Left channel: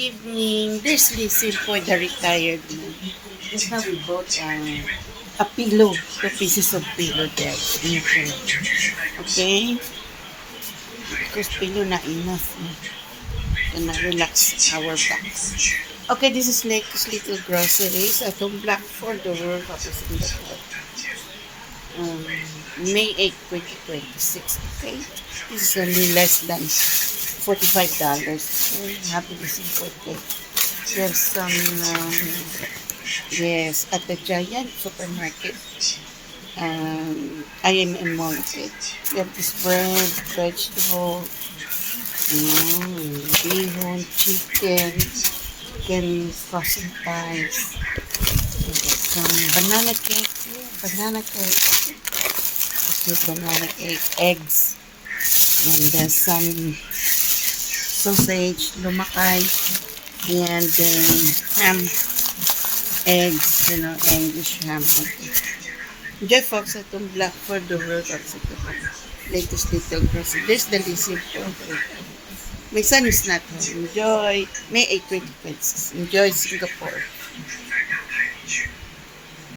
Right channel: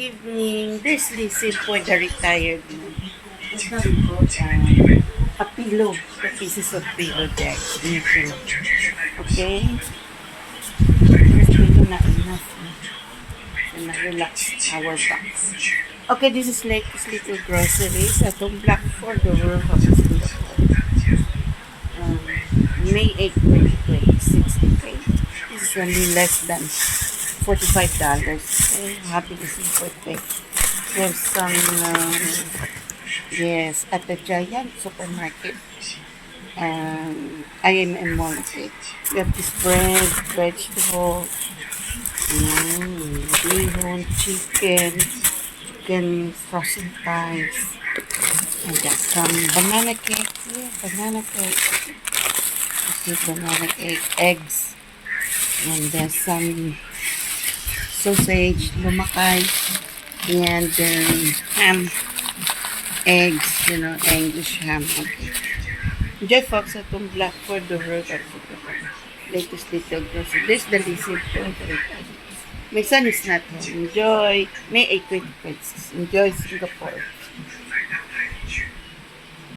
evening. There's Lizzie for the retired man. That's how we got a pillow. The pieces of pillow there. Okay? Because pillow na enough. And na relax our backs. Okay, this is Lake's Little Groceries at home block for the World of Singapore. May 8, 2026. Okay? This is only less than $45. Okay? Happy to see birthday. There's some, yes, at the Giant Supermarket. IMM Mall. Okay? We have this bread, vegetable, bihon, chicken frozen pies. And got some banana cake. Yeah, banana cake. Okay, banana cake, eggs. And there's some sausage, lumakay, and ham, eggs, English ham. Okay. Enjoy folks at home black for the world of Singapore. Latest Little Grocery. There's the Lizzie point. My son is not home. Enjoy May 8, 2026. Enjoy Singapore.